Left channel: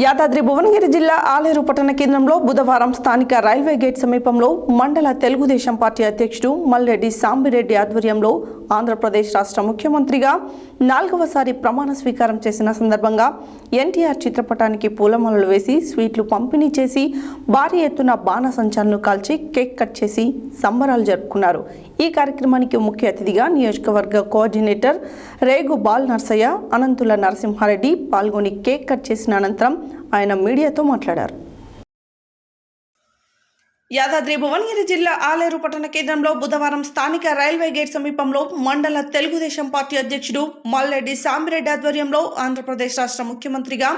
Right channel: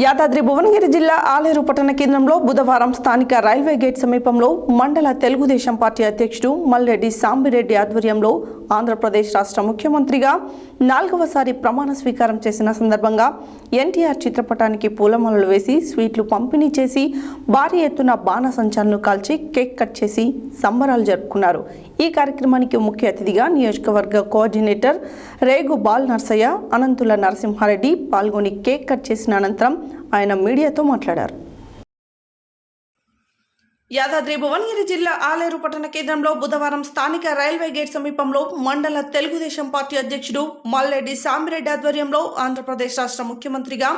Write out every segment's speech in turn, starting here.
యాదాద్రి భువనగిరి జిల్లా ఆలేరు పట్టణ కేంద్రంలో బుధవారం స్థానిక రైల్వే గేట్ సమీపంలో మండల తెలుగుదేశం పార్టీ అధ్యక్షుడు మల్రెడ్డి సాంబిరెడ్డి ఆధ్వర్యంలో ఆంధ్రప్రదేశ్ రాష్ట్ర ముఖ్యమంత్రిగా 4వసారి ప్రమాణ స్వీకారం చేసిన సందర్భంగా ఎన్టీఆర్ చిత్రపటానికి పూలమాలలు వేసి స్వీట్లు పంపిణీ చేసి భారీ ఎత్తున బాణసంచాలను కాల్చి కేక్ కట్ చేసి సంబరాలు జరుపుకున్నారు. ఈ కార్యక్రమానికి ముఖ్య అతిథిగా నియోజకవర్గ కోఆర్డినేటర్ రేగు బాల్ నర్సయ్య, అనంతుల నరసింహారెడ్డి పాల్గొని కేక్ కట్ చేసిన అనంతరం ఆయన మీడియాతో మాట్లాడారు. యాదాద్రి భువనగిరి జిల్లా ఆలేరు పట్టణ కేంద్రంలో బుధవారం స్థానిక రైల్వే గేట్ సమీపంలో మండల తెలుగుదేశం పార్టీ అధ్యక్షుడు మల్రెడ్డి సాంబిరెడ్డి ఆధ్వర్యంలో ఆంధ్రప్రదేశ్ రాష్ట్ర ముఖ్యమంత్రిగా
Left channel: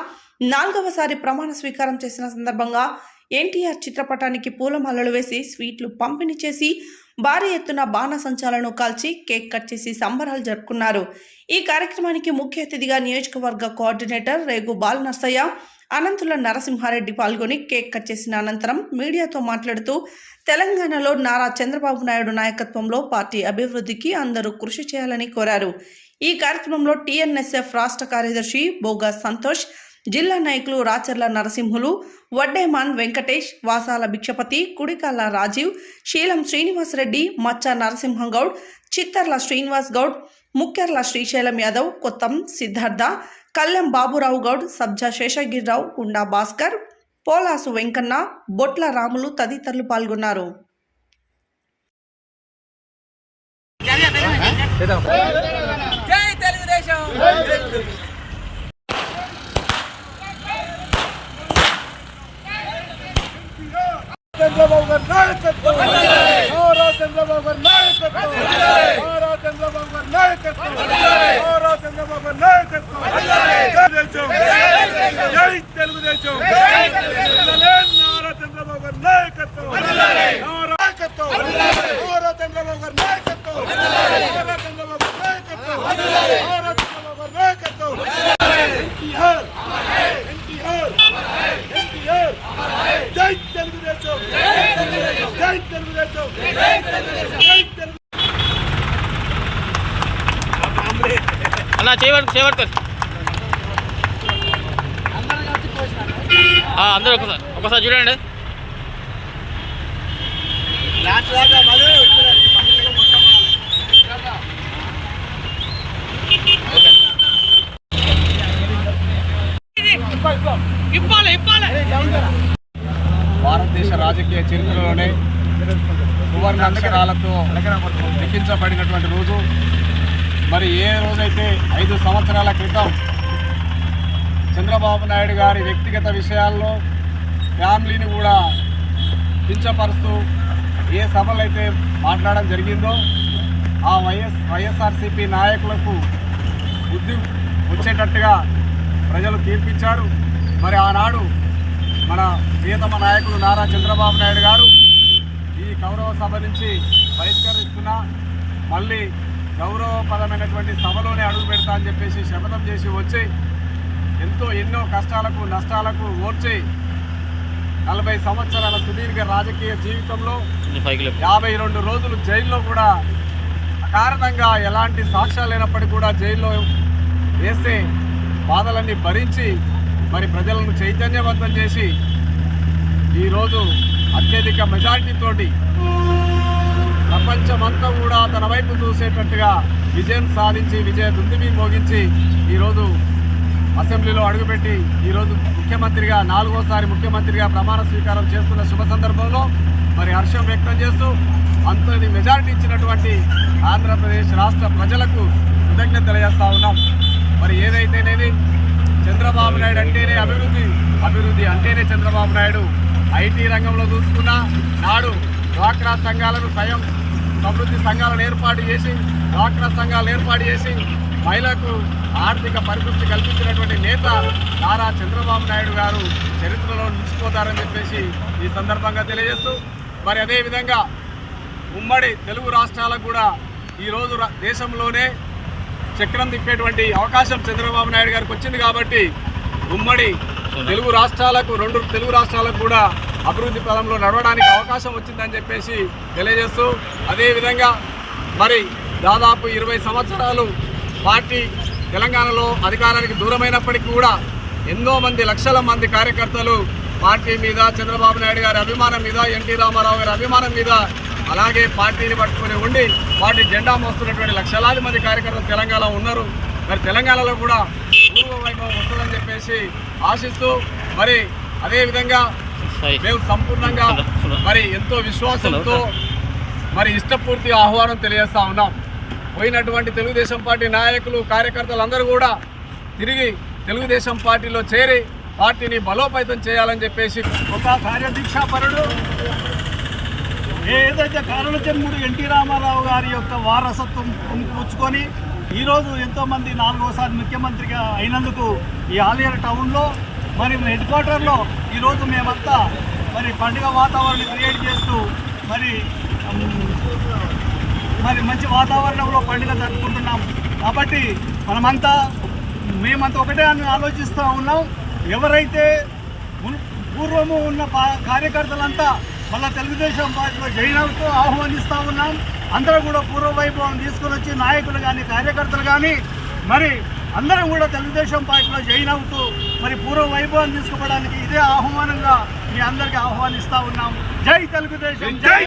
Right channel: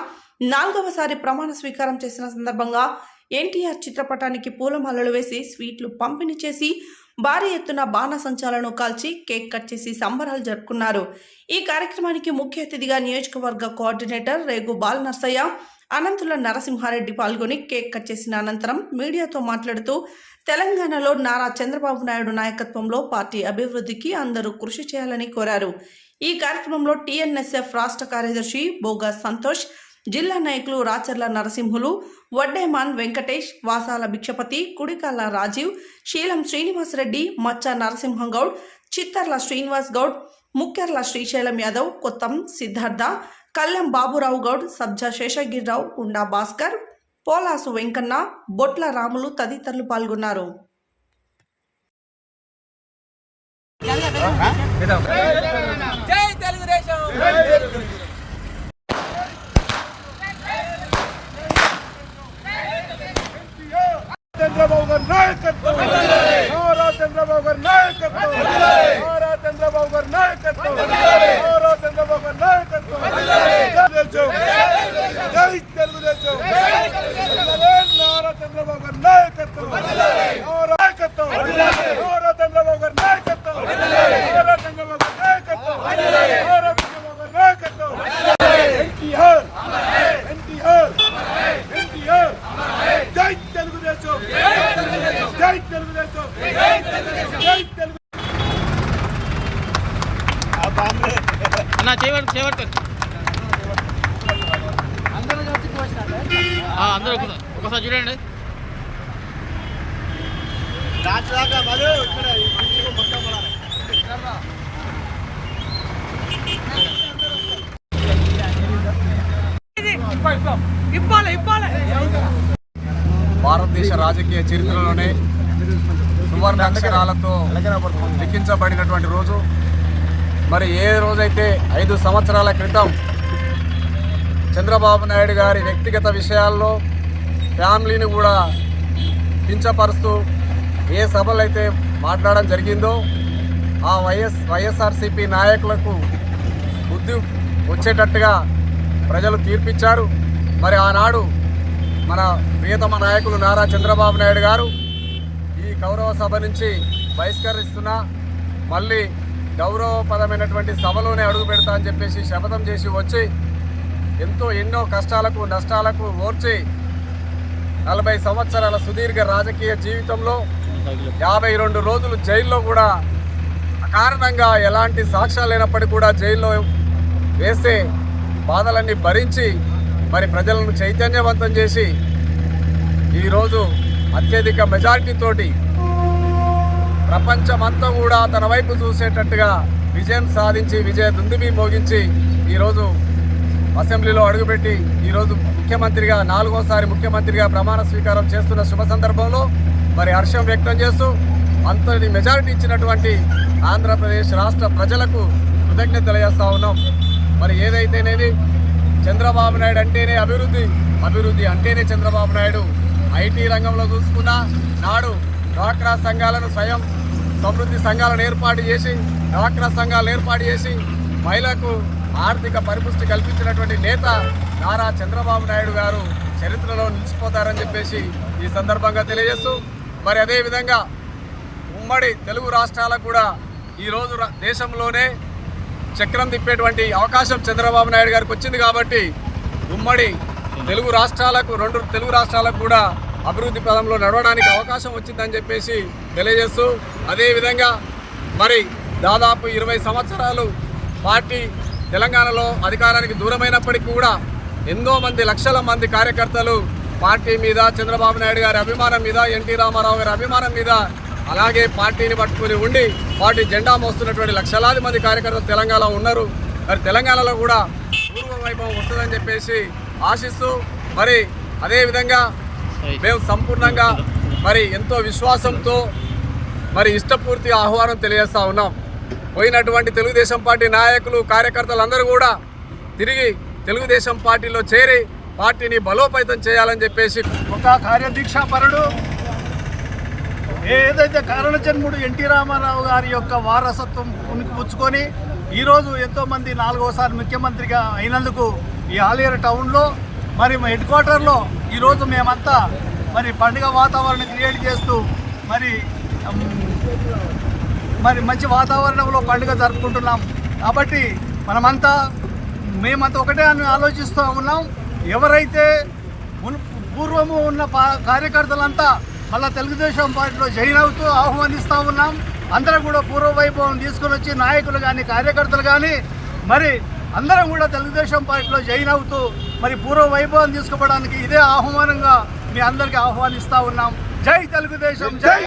4వసారి ప్రమాణ స్వీకారం చేసిన సందర్భంగా ఎన్టీఆర్ చిత్రపటానికి పూలమాలలు వేసి స్వీట్లు పంపిణీ చేసి భారీ ఎత్తున బాణసంచాలను కాల్చి కేక్ కట్ చేసి సంబరాలు జరుపుకున్నారు. ఈ కార్యక్రమానికి ముఖ్య అతిథిగా నియోజకవర్గ కోఆర్డినేటర్ రేగు బాల్ నర్సయ్య, అనంతుల నరసింహారెడ్డి పాల్గొని కేక్ కట్ చేసిన అనంతరం మీడియాతో మాట్లాడుతూ తెలంగాణలో నారా చంద్రబాబు నాయుడు నాయకత్వంలో పార్టీ అభివృద్ధికి అందరూ కృషి చేయాలని కోరారు. ఈ కార్యక్రమంలో టీఎన్ఎస్ఎఫ్ రాష్ట్ర కార్యదర్శి బోగా సంతోష్, జిల్లా నాయకులు రాచర్ల నరసింహులు, వడ్డేమాన్ వెంకటేష్, వాసాల భిక్షపతి, కుడికాల రాజీవ్, శీలం శ్రీనివాసరెడ్డి, మచ్చ నరసింహగౌడ్, చిత్తర్ల శ్రీనివాస్ గౌడ్, ముక్కెర్ల శ్రీశైలం యాదవ్, కొత్తం సిద్ధార్థ, కల్లెం బాబురావు గౌడ్, సబ్జా శేషగిరిరావు, కుండా భాస్కర్, పోలాసు వెంకన్న, బొట్ల రాములు తదితరులు పాల్గొన్నారు. చంద్రబాబు గారి నాయకత్వం, నారా చంద్రబాబు గారి నాయకత్వం, నారా చంద్రబాబు గారి నాయకత్వం, నారా చంద్రబాబు గారి నాయకత్వం. జై తెలుగుదేశం, నారా చంద్రబాబు గారి నాయకత్వం, నాయకత్వం, నారా చంద్రబాబు గారి నాయకత్వం, నారా చంద్రబాబు గారి నాయకత్వం, నారా చంద్రబాబు గారి నాయకత్వం. ఎన్టీఆర్, ఎన్టీఆర్, ఎన్టీఆర్. జై తెలుగుదేశం, జై తెలుగుదేశం, జై తెలుగు. అన్న చేయబడతారు అందరూ ఒకసారి చూడండి. భారతదేశ రాజకీయ చరిత్రలోనే సువర్ణ అక్షరాలతో లిఖించబడినటువంటి రోజు. మరి ఏ రోజైతే 5 సంవత్సరాల క్రితం చంద్రబాబు నాయుడు గారి వ్యక్తిగత విషయాల్లో ఫ్యామిలీని కూడా కించపరుస్తూ ఏ సభలు అయితే మాట్లాడడం జరిగిందో ఆ వైఎస్ఆర్సీపీ నాయకులకు బుద్ధి వచ్చేటట్టుగా ప్రజలు తీర్పిచ్చారు. మరి ఆనాడు మన ప్రియతమ నాయకులు నారా చంద్రబాబు నాయుడు గారు ఈ గౌరవ సభ నుంచి బహిష్కరిస్తున్నా మళ్ళీ గౌరవపదమైనటువంటి సభలోనే అడుగు పెడతా అని చెప్పేసి శపథం చేసి వచ్చి ఎన్నో కష్టాలకు నష్టాలకు ఓర్చి 40 సంవత్సరాల సుదీర్ఘ రాజకీయ జీవితంలో 52 రోజులు జైల్లో కూడా అకారణంగా ఎలాంటి సాక్ష్యాలు లేనప్పటికీ కూడా జైల్లో వేస్తే బాధలన్నీ భరించి మరి ప్రజలను చైతన్యవంతం చేసి ఈరోజు అత్యధిక మెజారిటీతోటి ప్రపంచమంతా కూడా తన వైపు చూసేటట్టుగా విజయం సాధించి విజయ దుందుబి మోగించి ఈరోజు అసెంబ్లీలో అడుగుపెట్టి ఈరోజు ముఖ్యమంత్రిగా 4వసారి ముఖ్యమంత్రిగా ప్రమాణ స్వీకారం చేస్తున్న శుభ సందర్భంలో మరి హర్షం వ్యక్తం చేస్తూ అంతటి మెజారిటీ ఇచ్చినటువంటి ఆంధ్రప్రదేశ్ రాష్ట్ర ప్రజలకు కృతజ్ఞతలు తెలియజేస్తా ఉన్నాం. మరి ఏదైతేనేది చంద్రబాబు నాయుడు అంటేనే అభివృద్ధి అంటేనే చంద్రబాబు నాయుడు. ఐటీ రంగంలో చూసుకున్నా నాడు డ్వాక్రా సంఘాలను స్వయం సమృద్ధి సంఘాలను ఏర్పాటు చేసి మహిళలకు ఆర్థిక పరిపుష్టి కల్పించినటువంటి నేత నారా చంద్రబాబు నాయుడు గారు చరిత్రలో నిలిచిపోతారని చెప్పేసి ఈ సందర్భంగా తెలియజేస్తూ మరి అదేవిధంగా ఉమ్మడి తెలుగు రాష్ట్రాలకు కూడా ఈరోజు దేశంలోనే చక్రం తిప్పేటువంటి అవకాశం చంద్రబాబు నాయుడు గారికి వచ్చింది. కాబట్టి ఉమ్మడి తెలుగు రాష్ట్రాలకు 2 తెలుగు రాష్ట్రాలకు కూడా అభివృద్ధి పదంలో నడవడానికి అవకాశం వచ్చిందని చెప్పేసి తెలియజేస్తూ అదేవిధంగా మరి దాదాపు 20 సంవత్సరాలు పార్టీ తెలంగాణలో అధికారానికి దూరమైనప్పటికీ కూడా ఎంతో మంది లక్షల మంది కార్యకర్తలు పార్టీ మీద, చంద్రబాబు నాయుడు గారి అభిమానం మీద, ఎన్టీ రామారావు గారి అభిమానం మీద, అలాగే పార్టీని పట్టుకుని ఉండి పార్టీ జెండా మోస్తున్నటువంటి లక్షలాది మంది కార్యకర్తలు తెలంగాణలో ఉన్నారు. మరి తెలంగాణలో కూడా పూర్వ వైభవం వస్తుందని చెప్పేసి ఆశిస్తూ, మరి అదేవిధంగా మేము సంపూర్ణంగా మరి ఎంతో విశ్వాసంతో మరి ఇష్టపూర్తిగా ఆహ్వానం తెలియజేస్తా ఉన్నాం. పోయినటువంటి తెలుగుదేశం పార్టీ నాయకులు, కార్యకర్తలందరూ కూడా తిరిగి తెలుగుదేశం పార్టీలో చేరి పార్టీని బలోపేతం చేయాలని చెప్పేసి ఒక కార్యదీక్షాపరుడు, ఏదైతే కారణజన్ముడు ఎన్టీ రామారావు గారి యొక్క వారసత్వం పుచ్చుకొని ఈరోజు ఎంతోమంది 4వసారి ముఖ్యమంత్రిగా అయినందుకు ఈ ఆలేరు టౌన్లో మరి హెడ్ క్వార్టర్లో ఈరోజు మేమంతా మరి పండుగ వాతావరణం క్రియేట్ చేస్తూ మరి మంచి వాతావరణంలో పండుగ జరుపుకుంటున్నాం. కాబట్టి మేమంతా ఒకటే అని ఆలోచిస్తూ ఉన్నాం. ఎవరైతే పూర్వము ఉన్న కార్యకర్తలంతా మళ్ళీ తెలుగుదేశం పార్టీలో జాయిన్ అవుతూ ఆహ్వానిస్తూ ఉన్నాం. అందరూ కూడా పూర్వ వైభవం తీసుకొని వచ్చి నాయకులు కానీ, కార్యకర్తలు కానీ మరి అందరం కూడా తెలుగుదేశం పార్టీలో జాయిన్ అవుతూ మరి పూర్వ వైభవం తీసుకోవడానికి ఇదే ఆహ్వానంగా మీ అందరికీ ఆహ్వానిస్తూ ఉన్నాం. జై తెలుగుదేశం, జై.